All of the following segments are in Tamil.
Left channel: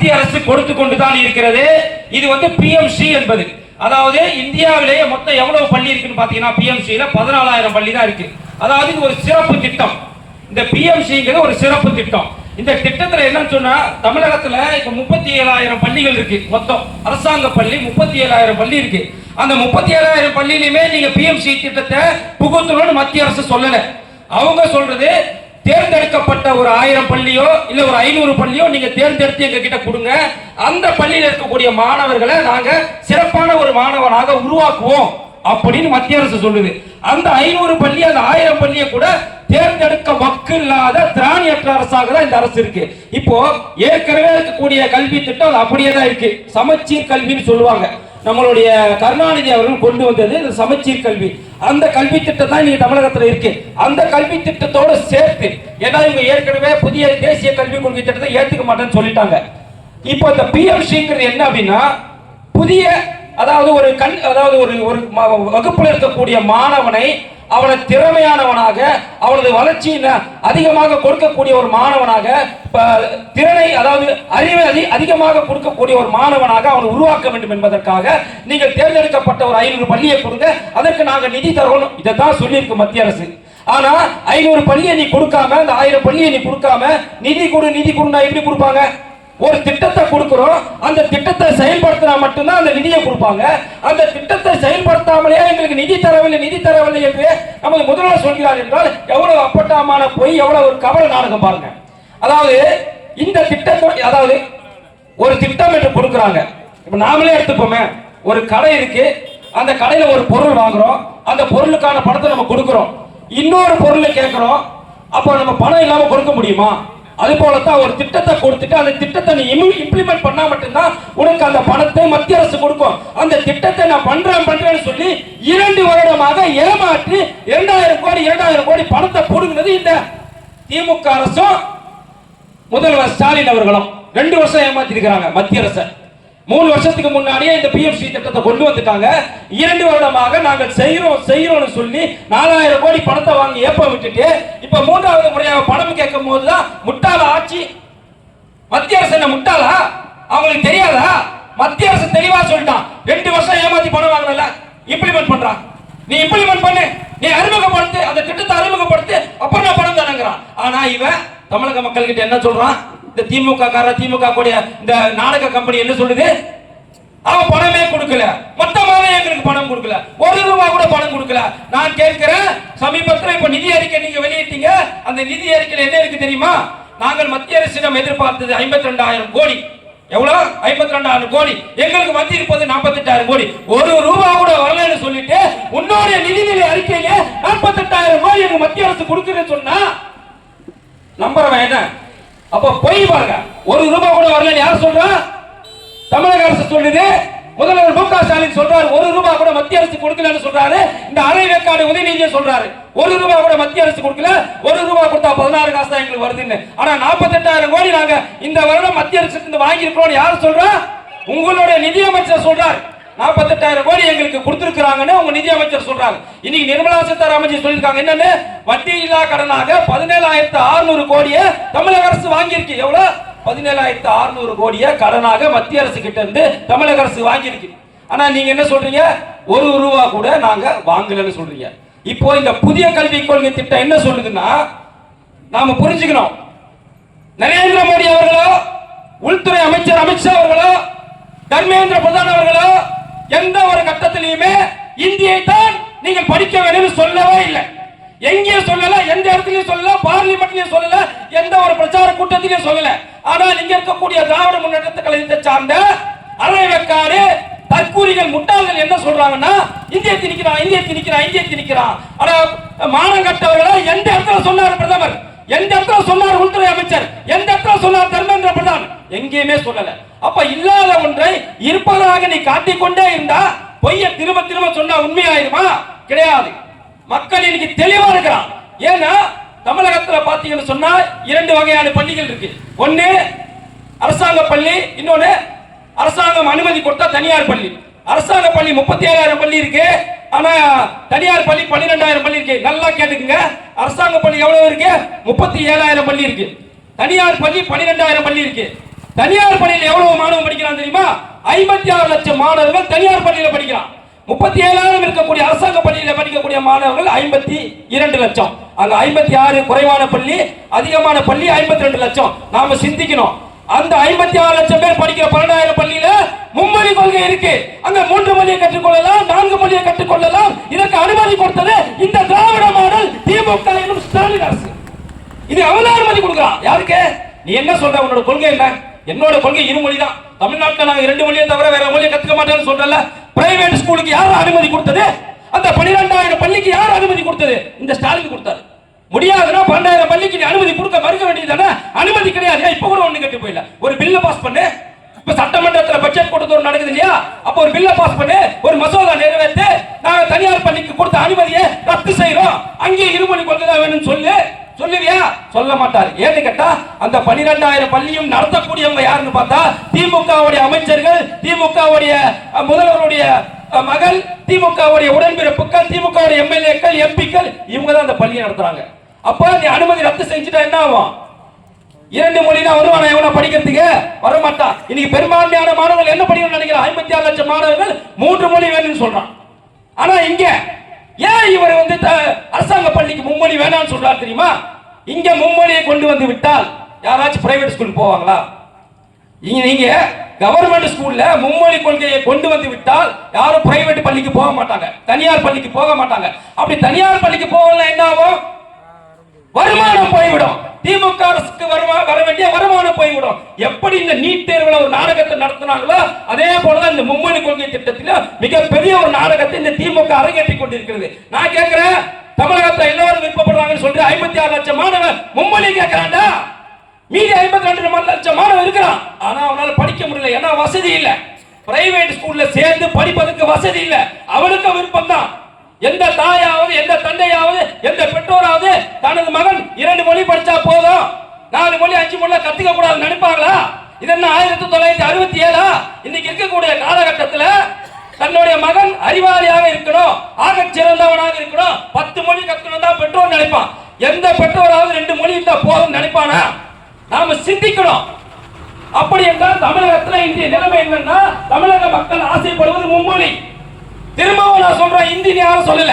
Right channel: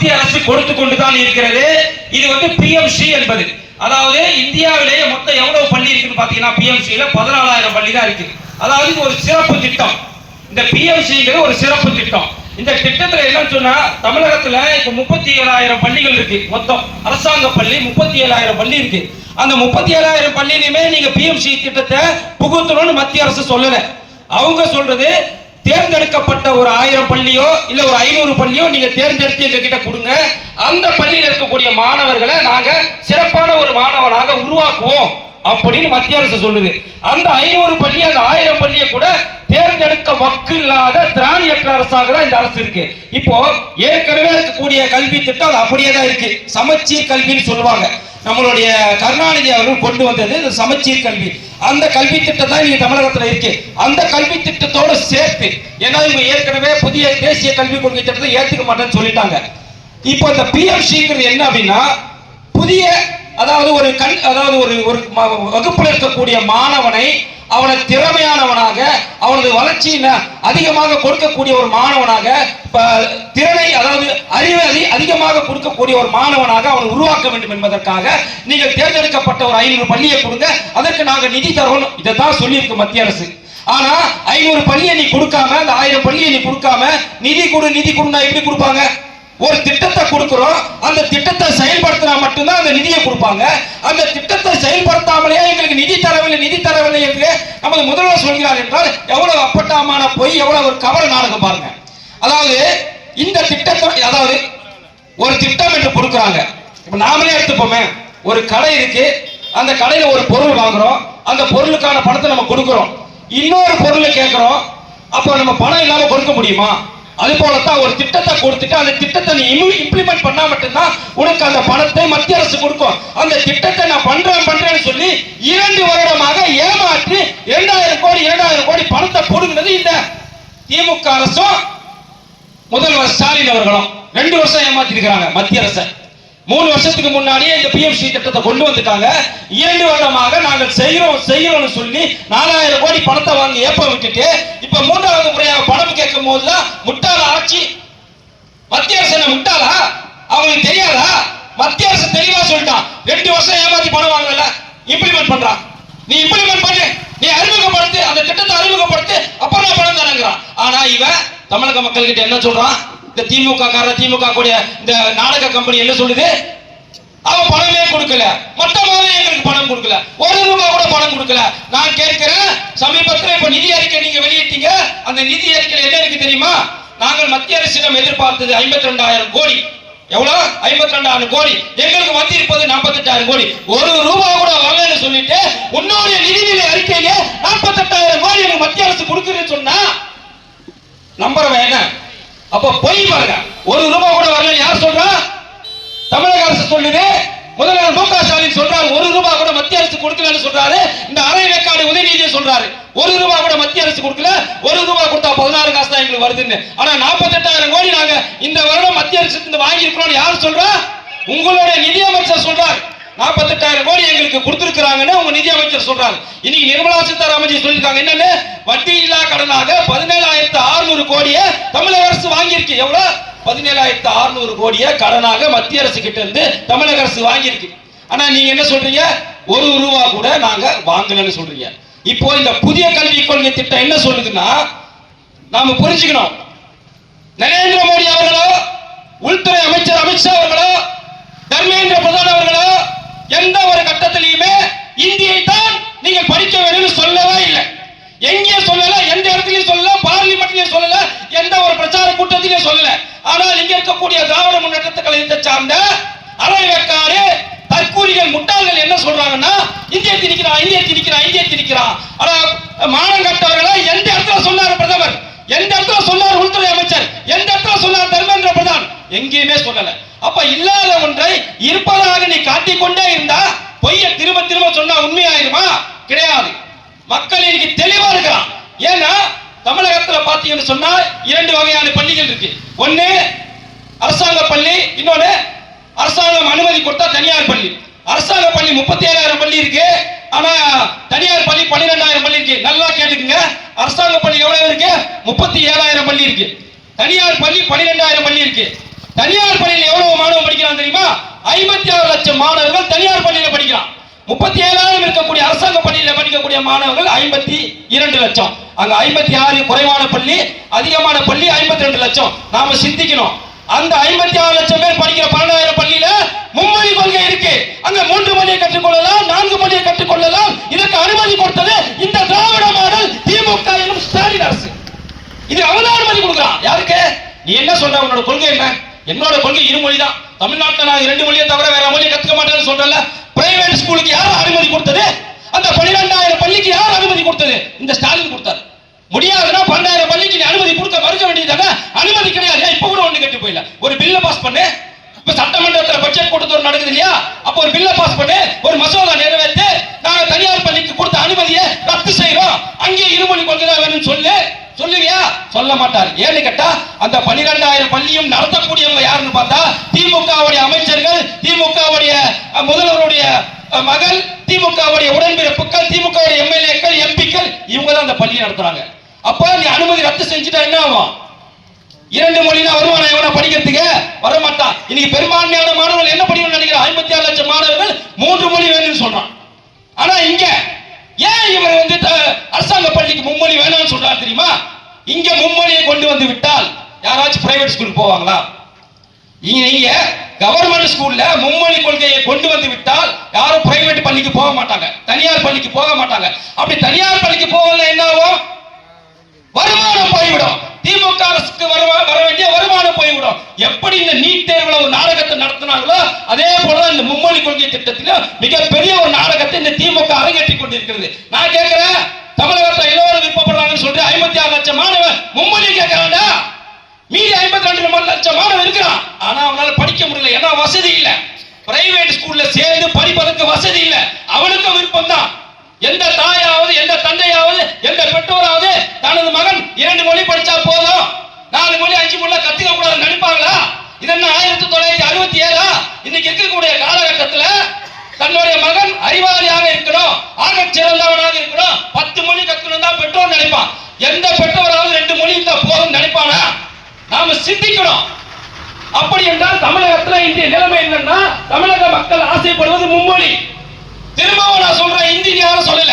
மத்திய அரசு கொடுத்து கொண்டுதான் இருக்கிறது. இது பிஎம்சி என்பது, அதாவது இந்தியாவிலேயே மொத்தம் எவ்வளவு பள்ளி இருக்குன்னு பாத்தீங்கன்னா பிஎம்சியில 14,000 பள்ளி தான் இருக்கு. அதாவது இது ஒரு சிறப்பு திட்டம். இந்த பிஎம்சிங்கிறது ஒரு சிறப்பு திட்டம். இந்த திட்டத்தில் என்னன்னு சொன்னா தமிழகத்துல இப்ப 37,000 பள்ளிகள் இருக்கு. மொத்தம் அரசாங்க பள்ளி 37,000 பள்ளி இருக்கு. அந்த 37,000 பள்ளியிலுமே நீங்க பிஎம்சி திட்டத்தை புகுத்தணும்னு மத்திய அரசு சொல்லல. அவங்க சொல்றது தேர்ந்தெடுக்கப்பட்ட ஒரு 1000 பள்ளியோ இல்ல ஒரு 500 பள்ளியோ நீங்க தேர்ந்தெடுத்து எங்க கிட்ட கொடுங்க. அந்த பள்ளியில் இருக்கக்கூடிய மாணவர்களை நாங்க சிறப்பான ஒரு மாணவராக உருவாக்குவோம் அப்படின்னு மத்திய அரசு சொல்லுது. அந்த 500 பள்ளி அந்த 1000 பள்ளியை கூட தேர்ந்தெடுக்க மக்கள் இல்லாத திராணியற்ற அரசாக தான் இந்த அரசு இருக்கு. இப்போ ஏற்கனவே இருக்கக்கூடிய கல்வி திட்டம் அப்படியே தான் இருக்கு. சமச்சீர் கல்வின்னு சொல்லுவாங்க. நம்மளுடைய கருணாநிதி அவர்கள் கொண்டு வந்தது சமச்சீர் கல்வி. அந்த கல்வி திட்டம் தான் நீங்க தமிழகத்தில் இருக்கு. அந்த கல்வி திட்டத்தோடு சேர்த்து, ஏன்னா இவங்க ஏற்கனவே புதிய தேசிய கல்விக் கொள்கை திட்டத்தை ஏற்றுக்க மாட்டேன்னு சொல்லிட்டாங்க. இப்போ இந்த பிஎம்சிங்கிறது என்ன அப்படின்னா, புதிய அதாவது ஒரு வகுப்பில் இருக்கக்கூடிய மாணவனை அவனை திறமையானவனாக, அவனது வளர்ச்சியில அதிகமாக கொடுக்கக்கூடிய ஒரு மாணவனாக, திறனை அதாவது அறிவை அதிகமாக கொடுக்கக்கூடிய ஒரு மாணவனாக அவனை உருவாக்க வேண்டும் என்பதற்காக நீங்கள் தேர்ந்தெடுக்கப்பட்ட ஒரு 500 பள்ளியை கொடுங்க, அதற்கு நாங்கள் நிதி தரணும். இதைத்தான் சொல்லியிருக்கு மத்திய அரசு. ஆனா 500 பள்ளியை நீ கொடுக்காம, அந்த 1000 பள்ளியை நீ கொடுக்காம நிதி கொடுன்னா எப்படி கொடுப்பாங்க? ஒரு திட்டத்தை கொடுக்கிறோம், அந்த திட்டத்தை செயல்படுத்தினா மட்டும்தான் அந்த நிதியை கொடுப்பாங்க. அந்த திட்டத்தை செயல்படுத்தாமலே எங்களுக்கு நிதி தரவில்லை என்று நமது முதல்வர் சொல்கிறார் என்றால் எவ்வளவு அப்பட்டமான பொய், எவ்வளவு ஒரு கவல நாடகம் பாருங்க. அதாவது இந்த திட்டத்தை, அதாவது ஒரு திட்டம் என்று கொடுக்கிறாங்க. இப்ப நாமளே எடுத்துப்போமே, ஒரு கடை இருக்கு, அந்த கடையில ஒரு பொருள் வாங்குறோம், அந்த பொருளுக்கான பணத்தை நம்ம கொடுக்கிறோம். இன்னொரு பொருளை கேட்கிறோம், அப்போ நம்ம பணம் இல்லாம கொடுக்க முடியுமா? அது போலத்தான் ஒரு திட்டத்தை கொடுத்துட்டு அந்த திட்டத்தை நீ இம்ப்ளிமெண்ட் பண்ணா மட்டும்தான் உனக்கு அந்த பணத்தை மத்திய அரசு கொடுக்கும். அந்த திட்டத்தை நான் பண்றேன்னு சொல்லி 2 வருடமாக ஏமாற்றி 2,000 கோடி பணத்தை போடுங்கிறது இந்த திமுக அரசும் முதல்வர் ஸ்டாலின் அவர்களும் 2 வருஷம் ஏமாத்திருக்கிறாங்க மத்திய அரசு. 3 வருஷத்துக்கு முன்னாடியே இந்த பிஎம்சி திட்டத்தை கொண்டு வந்துட்டாங்க. 2 வருடமாக நாங்கள் செய்கிறோம்னு சொல்லி 4,000 கோடி பணத்தை வாங்கி ஏப்ப விட்டுட்டு இப்ப 3வது முறையாக பணம் கேட்கும் போதுதான் முட்டாள ஆட்சி. மத்திய அரசு என்ன முட்டாளா? அவங்களுக்கு தெரியாதா? மத்திய அரசு தெளிவா சொல்லிட்டான், 2 வருஷம் ஏமாத்தி பணம் வாங்கல, இம்ப்ளிமெண்ட் பண்றான். நீ இம்ப்ளிமெண்ட் பண்ணு, நீ அறிமுகப்படுத்து, அந்த திட்டத்தை அறிமுகப்படுத்து, அப்புறம் நான் பணம் தானங்கிறான். ஆனா இவன் தமிழக மக்கள் கிட்ட என்ன சொல்றான்? இந்த திமுக கூடிய இந்த நாடக கம்பெனி என்ன சொல்லுது? அவன் பணமே கொடுக்கல, மொத்தமாவே எங்களுக்கு பணம் கொடுக்கல, 1 ரூபாய் கூட பணம் கொடுக்கல. நான் கேட்கிறேன், சமீபத்தில் இப்ப நிதி அறிக்கை நீங்க வெளியிட்டீங்க, அந்த நிதி அறிக்கையில் என்ன இருக்கு தெரியுமா? நாங்கள் மத்திய அரசிடம் எதிர்பார்த்தது 52,000 கோடி. எவ்வளவு? 52,000 கோடி. எங்களுக்கு வந்திருப்பது 48,000 கோடி. 1 ரூபாய் கூட வரலன்னு சொல்லிட்டு உன்னுடைய நிதிநிலை அறிக்கையிலே 48,000 கோடி எங்க மத்திய அரசு கொடுக்குறேன்னு சொன்னா நம்புறவன் என்ன? அப்ப பொய் பாருங்க. 1 ரூபாய் கூட வரல யார் சொல்றா? தமிழக அரசு சொல்லுது. முதல்வர் மு க ஸ்டாலின் சொல்றாரு 1 ரூபாய் கூட மத்திய அரசு கொடுக்கலன்னு சொல்றாரு. இந்த அரை வேக்காடு உதயநிதியை சொல்றாரு 1 ரூபாய் கூட மத்திய அரசு கொடுக்கல, 1 ரூபாய் கொடுத்தா 16 காசு தான் எங்களுக்கு வருதுன்னு. ஆனா 48,000 கோடி நாங்க இந்த வருடம் மத்திய அரசு வாங்கி இருக்கிறோம் யார் சொல்றா? உங்களுடைய நிதி அமைச்சர் சொல்றாரு 48,000 கோடி எங்களுக்கு கொடுத்திருக்காங்கன்னு உங்க நிதி அமைச்சர் சொல்றாரு. இன்னைக்கு நிர்மலா சீதாராமன் சொல்லிருக்காங்க என்னன்னு, வட்டி இல்லா கடனாக 17,600 கோடியை தமிழக அரசு வாங்கியிருக்கு. எவ்வளவு? 17,600 கோடியை கடனாக மத்திய அரசு கிட்ட இருந்து தமிழக அரசு வாங்கியிருக்கு. ஆனா நீங்க என்ன சொல்றீங்க? 1 ரூபாய் கூட நாங்க வாங்கலன்னு சொல்றீங்க. இப்போ இந்த புதிய கல்விக் கொள்கை திட்டம் என்ன சொல்லுதுன்னா, நாம புரிஞ்சுக்கணும், நரேந்திர மோடி அவர்களோ, உள்துறை அமைச்சர் அமித்ஷா அவர்களோ, தர்மேந்திர பிரதான் அவர்களோ எந்த ஒரு கட்டத்திலையுமே இந்தியை தான் நீங்கள் படிக்க வேண்டும் சொல்லவே இல்லை. எங்கேயும் சொல்லல, எந்த இடத்துலயும் சொல்லல, பார்லிமெண்ட்லயும் சொல்லல, எந்த ஒரு பிரச்சார கூட்டத்திலையும் சொல்லல. ஆனால் இங்க இருக்கக்கூடிய திராவிட முன்னேற்ற கழகத்தை சார்ந்த அரைவேக்காடு தற்கூரிகள் முட்டாள்கள் என்ன சொல்றாங்கன்னா, இந்திய திணிக்கிறான். ஆனா மானங்கட்டவர்களை எந்த இடத்துல சொன்னாரு பிரதமர்? எந்த இடத்துல சொன்னார் உள்துறை அமைச்சர்? எந்த இடத்துல சொன்னார் தர்மேந்திர பிரதான்? எங்கேயுமே சொல்லல. அப்ப இல்லாத ஒன்றை இருப்பதாக நீ காட்டிக்கொண்டே இருந்தா பொய்ய திரும்ப சொன்னா உண்மையாயிருமா? கிடையாது. மக்கள் இன்னைக்கு தெளிவா இருக்கிறான். ஏன்னா தமிழகத்தில் பாத்தீங்கன்னு சொன்னா 2 வகையான பள்ளிகள் இருக்கு. ஒன்னு அரசாங்க பள்ளி, இன்னொன்னு அரசாங்கம் அனுமதி கொடுத்தா தனியார் பள்ளி. அரசாங்க பள்ளி 37,000 பள்ளி இருக்கு. ஆனா தனியார் பள்ளி 12,000 பள்ளி இருக்கு. நல்லா கேட்டுக்குங்க, அரசாங்க பள்ளி எவ்வளவு இருக்கு? 37,000 பள்ளி இருக்கு. தனியார் பள்ளி 12,000 பள்ளி இருக்கு. தனியார் பள்ளியில் தெரியுமா? 56 லட்சம் மாணவர்கள் தனியார் பள்ளியில் படிக்கிறான். 37,000 இருக்கக்கூடிய அரசாங்க பள்ளியில் படிக்கக்கூடிய மாணவர்கள் 52 லட்சம். அங்க 56 குறைவான பள்ளி, அதிகமான பள்ளி 52 லட்சம். நாம சிந்திக்கணும். அந்த 56 லட்சம் பேர் படிக்கிற 12,000 பள்ளியில மும்மொழி கொள்கை இருக்கு. அங்க 3 மொழியை கற்றுக்கொள்ளலாம், 4 மொழியை கற்றுக்கொள்ளலாம். இதற்கு அனுமதி கொடுத்தது இந்த திராவிட மாடல் திமுக எனும் ஸ்டாலின் அரசு. இது அவன் அனுமதி கொடுக்கலாம். யாருக்கு? நீ என்ன சொல்ற? உன்னோட கொள்கை என்ன? என்னோட கொள்கை இருமொழி தான். தமிழ்நாட்டில் நான் 2 மொழியை தவிர வேற மொழியை கத்துக்க மாட்டேன்னு சொல்றல. பிரைவேட் ஸ்கூலுக்கு யார் அனுமதி கொடுத்தது? அந்த 12,000 பள்ளிக்கு யார் அனுமதி கொடுத்தது? இந்த ஸ்டாலின் கொடுத்தாரு. முடியாதுன்னா 12,000 பள்ளிக்கு நீ அனுமதி கொடுக்க மறுக்க வேண்டியதானே? அனுமதி கிடையாது. இப்ப கூட ஒண்ணு கட்டி போயில. ஒரு பில்ல பாஸ் பண்ணு. இப்ப சட்டமன்றத்தில் பட்ஜெட் கூட்டத்தொடர் நடக்குது இல்லையா? அப்ப ஒரு பில்ல பாஸ் பண்ணு, ஒரு மசோதா நிறைவேற்றி நாங்க தனியார் பள்ளிக்கு கொடுத்த அனுமதியை ரத்து செய்யறோம், அங்கே இருமொழி கொள்கை தான் வேணும்னு சொல்லுவியா? சொல்ல மாட்டார். ஏன்னு கேட்டா அந்த 12,000 பள்ளியும் நடத்தக்கூடியவங்க யாருன்னு பார்த்தா திமுகவுடைய அமைச்சர்கள், திமுகவுடைய முதல்வருடைய மகள், திமுகவுடைய உடன்பிறப்புகள், திமுகவுடைய எம்எல்ஏக்கள், எம்பிக்கள், இவங்க தான் அந்த பள்ளியை நடத்துறாங்க. அப்ப நீ அனுமதி ரத்து செஞ்சுட்டா என்ன ஆகும்? 2 மொழி தான் வருவானா எவனா படிக்கிறதுக்கு? வரமாட்டான். இன்னைக்கு பெரும்பான்மையான மாணவர்கள் என்ன படிக்கணும்னு நினைக்கிறான்? 56 லட்சம் மாணவர்கள் 3 மொழி வேணும்னு சொல்றான். ஆனா இங்க ஏன் இவர் அரசாங்க பள்ளிக்கு மும்மொழி வேணாம்னு சொல்றாரு தெரியுமா? இங்க மும்மொழியை கொண்டு வந்து விட்டால் யாராச்சும் பிரைவேட் ஸ்கூலுக்கு போவாங்களா? நீங்க கவர்மெண்ட் ஸ்கூல்ல மும்மொழி கொள்கையை கொண்டு வந்து விட்டால் யாரும் பிரைவேட் பள்ளிக்கு போக மாட்டாங்க, தனியார் பள்ளிக்கு போக மாட்டாங்க. அப்படி தனியார் பள்ளிக்கு போகல என்ன ஆகும்? வருமானம் போய்விடும். திமுக அரசுக்கு வர வேண்டிய வருமானம் போய்விடும். எப்படி இந்த நீட் தேர்வுல ஒரு நாடகத்தை நடத்தினாங்களோ அதே போல இந்த மும்மொழி கொள்கை திட்டத்தில் மிகப்பெரிய ஒரு நாடகத்தை இந்த திமுக அரங்கேற்றி கொண்டிருக்கிறது. நான் கேட்கிறேன், தமிழகத்தில் எல்லாரும் விருப்பப்படுறாங்கன்னு சொல்லிட்டு 56 லட்சம் மாணவர் மும்மொழி கேட்கிறாண்டா, மீதி 52 லட்சம் மாணவர் இருக்கிறான். ஆனா அவனால படிக்க முடியல. ஏன்னா வசதி இல்ல. பிரைவேட் ஸ்கூல்ல சேர்ந்து படிப்பதற்கு வசதி இல்ல. அவனுக்கு விருப்பம் தான். எந்த தாயாவது, எந்த தந்தையாவது, எந்த பெற்றோராவது தனது மகன் 2 மொழி படிச்சா போதும், 4 மொழி 5 மொழி கத்துக்க கூடாது நினைப்பாங்களா? இது என்ன 1967? இன்னைக்கு இருக்கக்கூடிய காலகட்டத்தில் தன்னுடைய மகன் அறிவாளியாக இருக்கணும், ஆக சிறந்தவனாக இருக்கணும், 10 மொழி கத்துக்கணும் தான் பெற்றோர் நினைப்பான். எந்த பெற்றோராவது 2 மொழி இருந்தா போதும் நினைப்பானா? நாம சிந்திக்கணும். அப்படி என்றால் தமிழகத்தில் இன்றைய நிலைமை என்னன்னா, தமிழக மக்கள் ஆசைப்படுவது மும்மொழி. திரும்பவும் நான் சொல்றேன், இந்தி யாரும் சொல்லல.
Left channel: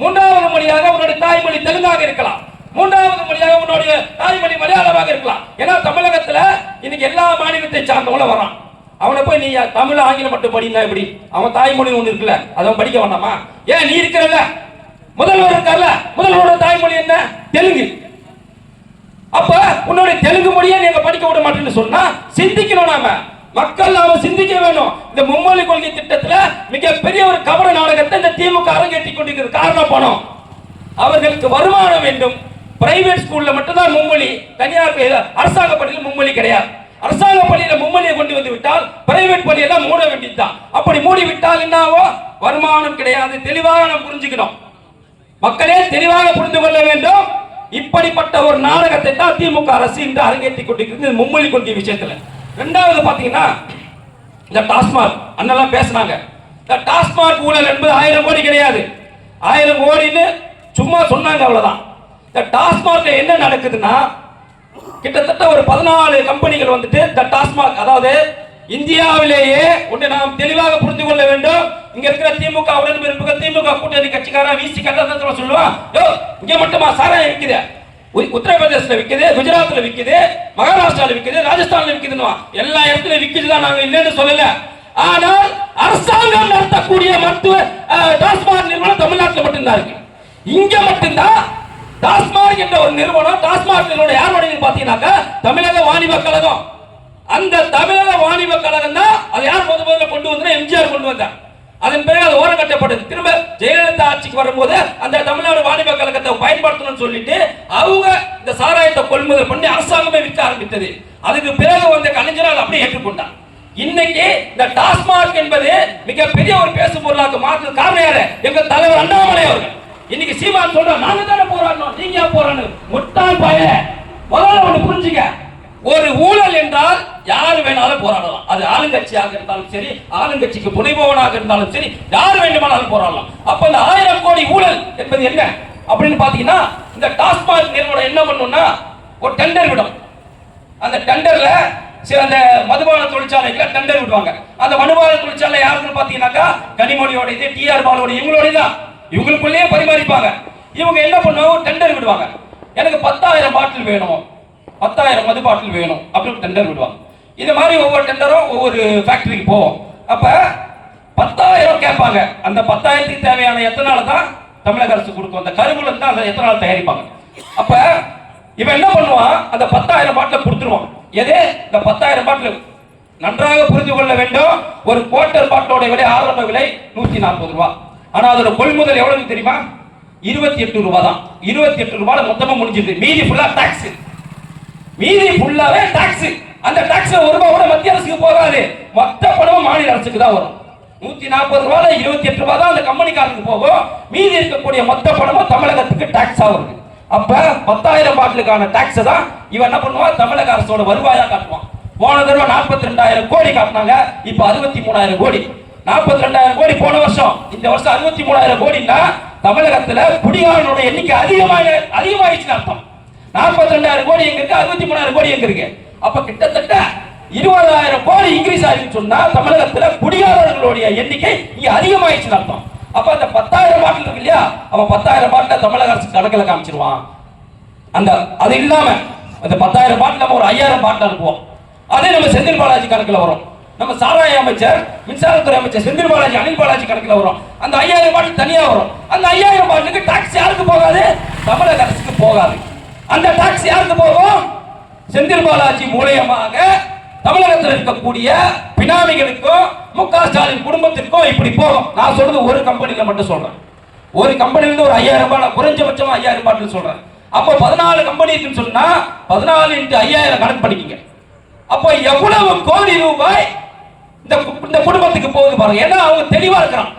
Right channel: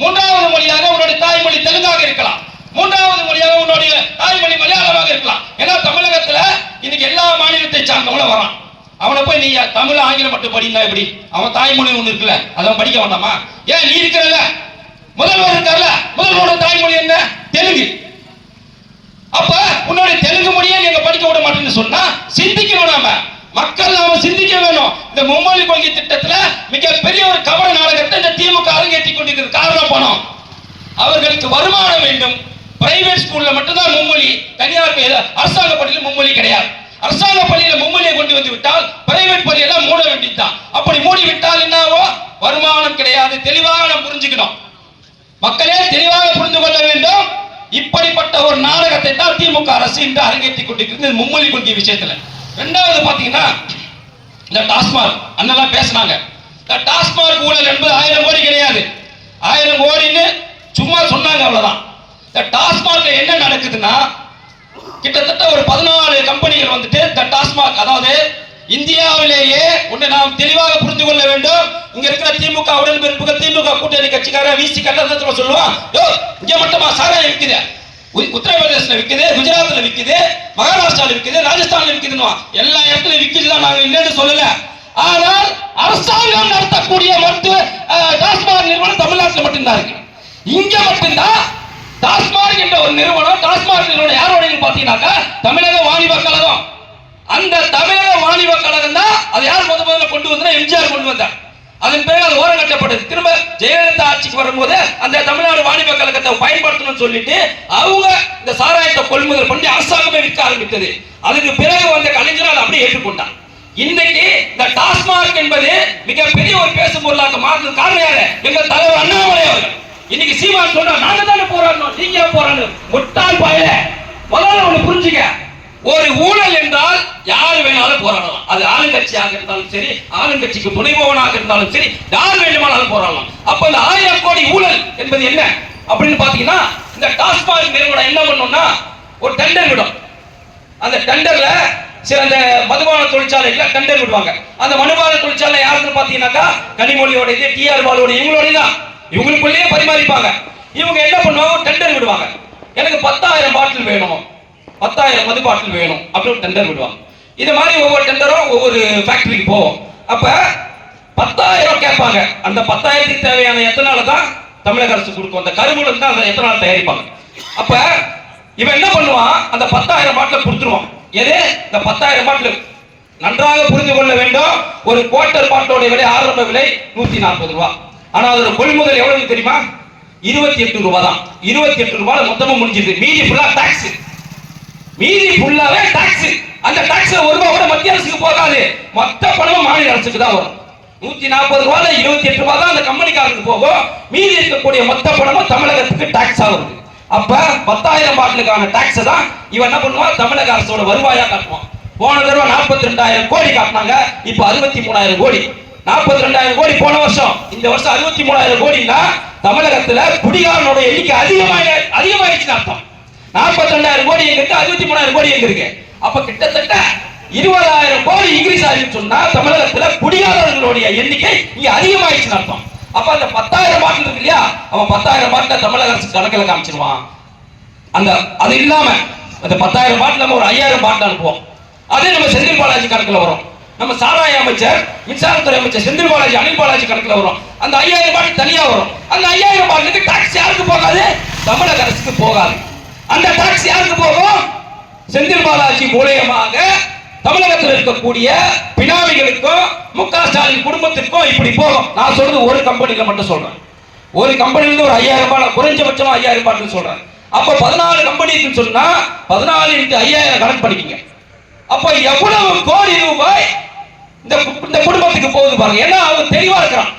3வது மொழியாக உன்னுடைய தாய்மொழி தெலுங்காக இருக்கலாம், 3வது மொழியாக உன்னுடைய தாய்மொழி மலையாளமாக இருக்கலாம். ஏன்னா தமிழகத்துல இன்னைக்கு எல்லா மாநிலத்தை சார்ந்தவங்களும் வரான். அவனை போய் நீ தமிழ் ஆங்கிலம் மட்டும் படினா எப்படி? அவன் தாய்மொழி ஒண்ணு இருக்குல்ல, அதை படிக்க வேண்டாமா? ஏன் நீ இருக்கிறல்ல, முதல்வர் இருக்கார்ல, முதல்வரோட தாய்மொழி என்ன? தெலுங்கு. அப்ப உன்னுடைய தெலுங்கு மொழியை நீங்க படிக்க விட மாட்டேன்னு சொன்னா சிந்திக்கணும். நாம மக்கள் நாம சிந்திக்க வேணும். இந்த மும்மொழி கொள்கை திட்டத்துல மிகப்பெரிய ஒரு கபட நாடகத்தை இந்த திமுக அரங்கேற்றி கொண்டிருக்கிறது. காரணம் பணம். அவர்களுக்கு வருமானம் வேண்டும். பிரைவேட் ஸ்கூல்ல மட்டும்தான் மும்மொழி, தனியார் அரசாங்க பள்ளியில் மும்மொழி கிடையாது. அரசாங்க பள்ளியில மும்மொழியை கொண்டு வந்து விட்டால் பிரைவேட் பள்ளியெல்லாம் மூட வேண்டியதுதான். அப்படி மூடி விட்டால் என்னவோ? வருமானம் கிடையாது. தெளிவாக நாம் புரிஞ்சுக்கணும். மக்களே தெளிவாக புரிந்து கொள்ள வேண்டும். இப்படிப்பட்ட ஒரு நாடகத்தை தான் திமுக அரசு இன்று அரங்கேற்றி கொண்டிருக்கிறது மும்மொழி கொள்கை விஷயத்துல. 2வது பாத்தீங்கன்னா இந்த டாஸ்மாக் அண்ணெல்லாம் பேசினாங்க. இந்த டாஸ்மாக் ஊழல் என்பது 1000 கோடி கிடையாது, 1000 கோடின்னு சும்மா சொன்னாங்க, அவ்வளவுதான். இந்த டாஸ்மாக்ல என்ன நடக்குதுன்னா, கிட்டத்தட்ட ஒரு 14 கம்பெனிகள் இந்த டாஸ்மாக், அதாவது இந்தியாவிலேயே ஒன்று நாம் தெளிவாக புரிந்து கொள்ள வேண்டும். இங்க இருக்கிற திமுக உடன்பிறப்புகள், திமுக கூட்டணி கட்சிக்காரன் வீசி கட்டத்தில் சொல்லுவான், இங்க மட்டுமா சாராயம் விற்குது, உத்தரப்பிரதேசல விற்குது, குஜராத்ல விற்குது, மகாராஷ்டிரால விற்குது, ராஜஸ்தான்ல விற்குதுன்னு எல்லா இடத்துலயும் விற்குதுதான். நாங்க இல்லைன்னு சொல்லல. ஆனால் அரசாங்கம் நடத்தக்கூடிய மருத்துவ டாஸ்மாக் நிறுவனம் தமிழ்நாட்டில் மட்டும்தான் இருக்கு. இங்க மட்டும்தான் டாஸ்மாக் என்ற ஒரு நிறுவனம். டாஸ்மாக் யாரோட பாத்தீங்கன்னாக்கா தமிழக வாணிப கழகம். அந்த தமிழக வாணிப கழகம் தான் அதை யார் முதல்ல கொண்டு வந்தா? எம்ஜிஆர் கொண்டு வந்தார். அதன் பிறகு அது ஓரம் கட்டப்பட்டது. திரும்ப ஜெயலலிதா ஆட்சிக்கு வரும்போது அந்த தமிழ்நாடு வாணிப கழகத்தை பயன்படுத்தணும்னு சொல்லிட்டு அவங்க இந்த சாராயத்தை கொள்முதல் பண்ணி அரசாங்கமே விற்க ஆரம்பித்தது. அதுக்கு பிறகு வந்த கலைஞர் அதை அப்படியே ஏற்றுக்கொண்டார். இன்னைக்கு இந்த டாஸ்மாக் என்பது மிகப்பெரிய ஒரு பேசும் பொருளாக மாறுறது காரணம் யாரு? எங்கள் தலைவர் அண்ணாமலை அவர்கள். இன்னைக்கு சீமான் சொல்ற நாங்க தானே போராடணும், நீங்க போராடணும். முட்டாள் பாய, முதல்ல ஒண்ணு புரிஞ்சுக்க. ஒரு ஊழல் என்றால் யார் வேணாலும் போராடலாம். அது ஆளுங்கட்சியாக இருந்தாலும் சரி, ஆளுங்கட்சிக்கு துணைபவனாக இருந்தாலும் சரி, யார் வேண்டுமானாலும் போராடலாம். அப்ப இந்த 1000 கோடி ஊழல் என்பது என்ன அப்படின்னு பாத்தீங்கன்னா, இந்த டாஸ்மாக் நிறுவனம் என்ன பண்ணும்னா ஒரு டெண்டர் விடும். அந்த டெண்டர்ல சில அந்த மதுபான தொழிற்சாலைகளை டெண்டர் விடுவாங்க. அந்த மதுபான தொழிற்சாலை யாருன்னு பாத்தீங்கன்னாக்கா கனிமொழியோட டிஆர் பாலோட இவங்களோட தான், இவங்களுக்குள்ளேயே பரிமாறிப்பாங்க. இவங்க என்ன பண்ணுவாங்க, டெண்டர் விடுவாங்க. எனக்கு 10,000 பாட்டில் வேணும், 10,000 மது பாட்டில் வேணும் அப்படின்னு டெண்டர் விடுவாங்க. இது மாதிரி ஒவ்வொரு டெண்டரும் ஒவ்வொரு ஃபேக்டரிக்கு போவோம். அப்ப 10,000 கேட்பாங்க. அந்த 10,000க்கு தேவையான எத்தனால தான் தமிழக அரசு கொடுக்கும். அந்த கருமூலம் தான் அந்த எத்தனால தயாரிப்பாங்க. அப்ப இவன் என்ன பண்ணுவான், அந்த 10,000 பாட்டில் கொடுத்துருவான். எது இந்த 10,000 பாட்டில் நன்றாக புரிந்து கொள்ள வேண்டும். ஒரு குவார்டர் பாட்டிலோட விலை ஆரம்ப விலை 140 ரூபாய். ஆனா அதோட கொள்முதல் எவ்வளவு தெரியுமா, 28 ரூபாய் தான். 28 ரூபாய் மொத்தமா முடிஞ்சது. மீதி ஃபுல்லா டாக்ஸ், மீதி ஃபுல்லாவே டாக்ஸ். அந்த டாக்ஸ்ல 1 ரூபாய் கூட மத்திய அரசுக்கு போகாது, மொத்த பணமும் மாநில அரசுக்கு தான் வரும். 140 ரூபாய் 28 ரூபாய் தான் அந்த கம்பெனிக்காரருக்கு போகும். மீதி இருக்கக்கூடிய மொத்த பணமும் தமிழகத்துக்கு டாக்ஸா வருது. அப்ப 10,000 பாட்டிலுக்கான டாக்ஸ் தான் இவன் என்ன பண்ணுவான், தமிழக அரசோட வருவாயா காட்டுவான். போன தடவை 42,000 கோடி காட்டினாங்க, இப்ப 63,000 கோடி. 42,000 கோடி போன வருஷம், இந்த வருஷம் 63,000 கோடினா தமிழகத்துல குடிகாரனோட எண்ணிக்கை அதிகமாயிடுச்சு அர்த்தம். 42,000 கோடி எங்க இருக்கு, 63,000 கோடி எங்க இருக்கு. அப்ப கிட்டத்தட்ட 20,000 கோடி இன்க்ரீஸ் ஆயிடுச்சு சொன்னா தமிழகத்துல குடிகாரர்களுடைய எண்ணிக்கை இங்க அதிகமாயிடுச்சு அர்த்தம். அப்ப அந்த 10,000 பாட்டில் இருக்கு இல்லையா, அவன் 10,000 பாட்டில் தமிழக அரசு கணக்கில் காமிச்சிருவான். அந்த அது இல்லாம அந்த 10,000 பாட்டில் நம்ம ஒரு 5,000 பாட்டில் அனுப்புவோம். அதே நம்ம செந்தில் பாலாஜி கணக்கில் வரும். நம்ம சாராய அமைச்சர், மின்சாரத்துறை அமைச்சர் செந்தில் பாலாஜி, அனில் பாலாஜி கணக்கில் வரும். அந்த 5,000 பாட்டில் தனியா வரும். அந்த 5,000 பாட்டிலுக்கு டாக்ஸ் யாருக்கு போகாது, தமிழக அரசுக்கு போகாது. அந்த டாக்ஸ் யாருக்கு போகும், செந்தில் பாலாஜி மூலமாக தமிழகத்தில் இருக்கக்கூடிய பினாமிகளுக்கும் முக ஸ்டாலின் குடும்பத்திற்கும் இப்படி போகும். நான் சொல்றது ஒரு கம்பெனில மட்டும் சொல்றேன். ஒரு கம்பெனில ஒரு 5,000 ரூபாய், குறைஞ்சபட்சமா 5,000 ரூபாய் சொல்றேன். அப்ப 14 கம்பெனி சொன்னா 14 × 5,000 கணக்கு பண்ணிக்கங்க. அப்ப எவ்வளவு கோடி ரூபாய் இந்த குடும்பத்துக்கு போகுது பாருங்க. ஏன்னா அவங்க தெளிவா இருக்கிறான்.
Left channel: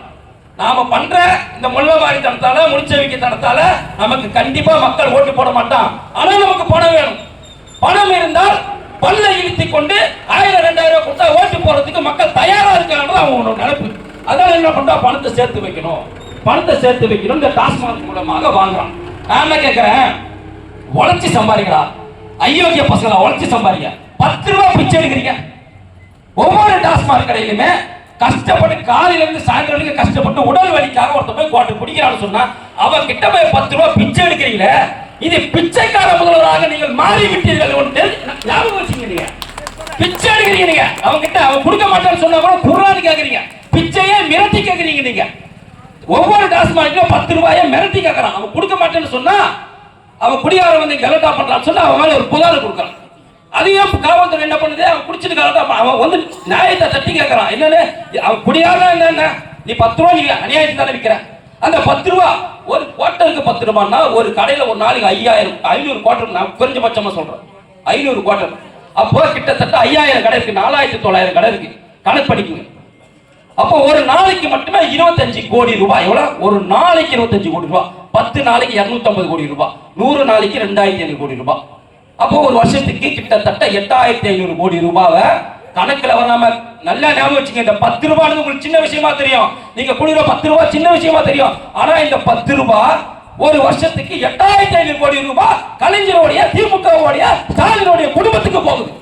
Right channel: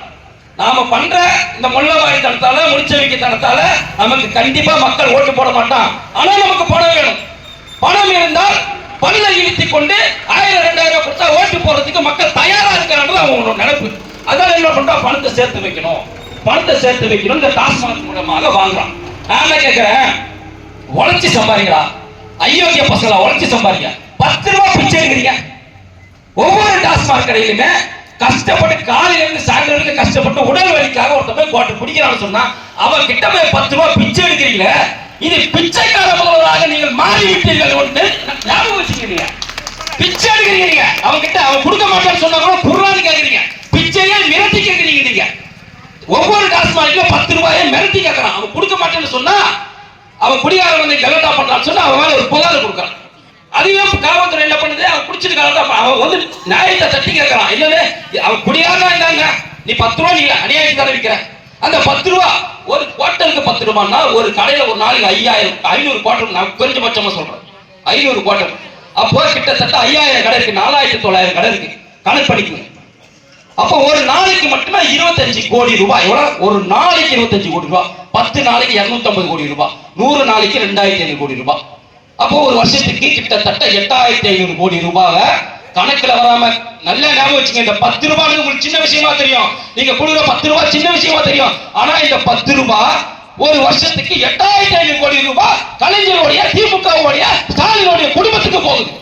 நாம பண்ற இந்த மொல்லவாரி தனத்தால, முடிச்சவிக்க தனத்தால நமக்கு கண்டிப்பா மக்கள் ஓட்டு போட மாட்டான். ஆனா நமக்கு பணம் வேணும். பணம் இருந்தால் பல்ல இழுத்தி கொண்டு 1,000 2,000 கொடுத்தா ஓட்டு போறதுக்கு மக்கள் தயாரா இருக்காங்க. அவங்க நினைப்பு. அதான் என்ன பண்றா, பணத்தை சேர்த்து வைக்கணும், பணத்தை சேர்த்து வைக்கணும். இந்த டாஸ்மாக் மூலமாக வாங்குறான். நான் என்ன கேட்கிறேன், உழைச்சி சம்பாதிக்கிறா, அயோக்கிய பசங்களா உழைச்சி சம்பாதிக்க 10 ரூபாய் பிச்சை எடுக்கிறீங்க. ஒவ்வொரு டாஸ்மாக் கடையிலுமே கஷ்டப்பட்டு காலையில இருந்து சாயந்தரம் வரைக்கும் கஷ்டப்பட்டு உடல் வலிக்காக ஒருத்த போய் குவார்டர் குடிக்கிறான்னு சொன்னா அவன் கிட்ட போய் 10 ரூபாய் பிச்சை எடுக்கிறீங்களே, இது பிச்சைக்கார முதல்வராக நீங்கள் மாறிவிட்டீர்கள். ஒன்று ஞாபகம் வச்சுக்கிறீங்க. பிச்சை எடுக்கிறீங்க, அவங்க கிட்ட அவன் கொடுக்க மாட்டேன்னு சொன்னா கூட குர்ஆன் கேட்கறீங்க, பிச்சையை மிரட்டி கேட்கறீங்க. நீங்க ஒவ்வொரு டாஸ்மாக்ல 10 ரூபாயை மிரட்டி கேட்கறான். அவன் கொடுக்க மாட்டேன்னு சொன்னா அவன் குடிகாரன் வந்து கலட்டா பண்றான்னு சொன்னா அவன் மேல ஒரு புகார் கொடுக்கறான். அதையும் காவல்துறை என்ன பண்ணுது, அவன் குடிச்சிட்டு கலட்டா அவன் வந்து நியாயத்தை தட்டி கேட்கறான். என்னன்னு, அவன் குடிகாரனா என்ன, நீ 10 ரூபாய் நீங்க அநியாயத்தை தானே விற்கிற. அந்த 10 ரூபாய் ஒரு குவார்டருக்கு 10 ரூபாய்னா ஒரு கடையில ஒரு நாளைக்கு 500 குவார்டர், நான் குறைஞ்சபட்சமா சொல்றேன் 500 குவார்டர். அப்போ கிட்டத்தட்ட 5,000 கடை இருக்கு, 4,900 கடை இருக்கு. கணக்கு படிக்குங்க. அப்போ ஒரு நாளைக்கு மட்டுமே 25 கோடி ரூபாய். எவ்வளவு, ஒரு நாளைக்கு 25 கோடி ரூபாய். 10 நாளைக்கு 250 கோடி ரூபாய், 100 நாளைக்கு 2,500 கோடி ரூபாய். அப்போ ஒரு வருஷத்துக்கு கிட்டத்தட்ட 8,500 கோடி ரூபாய் கணக்குல வராம. நல்லா ஞாபகம் வச்சுங்க, இந்த 10 ரூபாய் உங்களுக்கு சின்ன விஷயமா தெரியும், நீங்க கொடுக்குற 10 ரூபாய் சின்ன விஷயமா தெரியும். ஆனா இந்த 10 ரூபாய் ஒரு வருஷத்துக்கு 8,500 கோடி ரூபாய் கலைஞருடைய, திமுகவுடைய, ஸ்டாலினுடைய குடும்பத்துக்கு போகுது.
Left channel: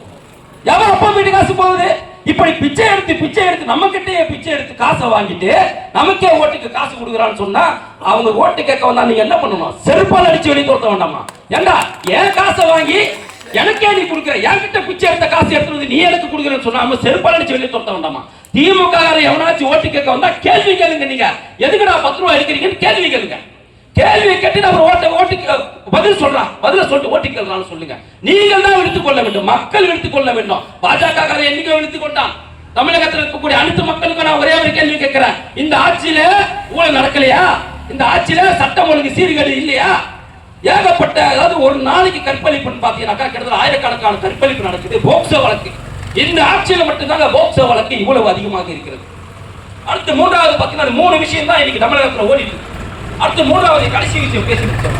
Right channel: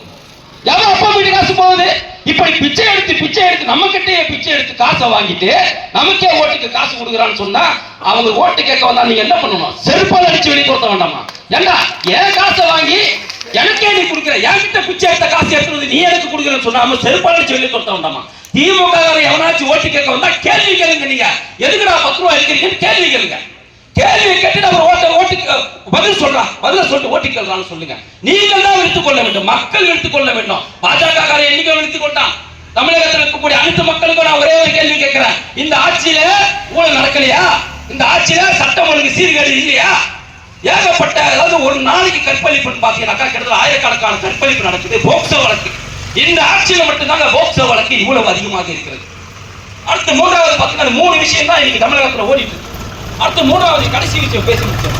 எவன் அப்பா வீட்டு காசு போகுது. இப்படி பிச்சை எடுத்து நம்ம கிட்டே பிச்சை எடுத்து காசை வாங்கிட்டு நமக்கே ஓட்டுக்கு காசு கொடுக்குறான்னு சொன்னா அவங்க ஓட்டு கேட்க வந்தா நீங்க என்ன பண்ணணும், செருப்பால் அடிச்சு வெளியே கொடுத்த வேண்டாமா? ஏண்டா என் காசை வாங்கி எனக்கே நீ கொடுக்குற, என்கிட்ட பிச்சை எடுத்த காசு எடுத்து நீ எனக்கு கொடுக்குறேன்னு சொன்னா செருப்பால் அடிச்சு வெளியே கொடுத்த வேண்டாமா? திமுக எவனாச்சும் ஓட்டு கேட்க வந்தா கேள்வி கேளுங்க. நீங்க எதுக்குடா 10 ரூபாய் எடுக்கிறீங்கன்னு கேள்வி கேளுங்க. கேள்வி கேட்டு அவர் ஓட்டுக்கு பதில் சொல்றான், பதில சொல்லிட்டு ஓட்டு கேட்கறான்னு சொல்லுங்க. நீங்கள் தான் எடுத்துக்கொள்ள வேண்டும், மக்கள் எடுத்துக்கொள்ள வேண்டும். பாஜக காரன் என்னைக்கு எடுத்துக்கொண்டான். தமிழகத்தில் இருக்கக்கூடிய அனைத்து மக்களுக்கும் நான் ஒரே ஒரு கேள்வி கேட்கிறேன், இந்த ஆட்சியில ஊழல் நடக்கலையா? இந்த ஆட்சியில சட்டம் ஒழுங்கு சீர்கேடு இல்லையா? ஏகப்பட்ட, அதாவது ஒரு நாளைக்கு கற்பழிப்பு பாத்தீங்கன்னாக்கா கிட்டத்தட்ட 1000கணக்கான கற்பழிப்பு நடக்குது. போக்சோ வழக்கு இந்த ஆட்சியில மட்டும்தாங்க போக்சோ வழக்கு இவ்வளவு அதிகமாக இருக்கிறது. அடுத்து மூன்றாவது பாத்தீங்கன்னா 3 விஷயம் தான் இன்னைக்கு தமிழகத்தில் ஓடிட்டு இருக்கு. அடுத்து மூன்றாவது கடைசி விஷயம் பேசி முடிச்சோம்.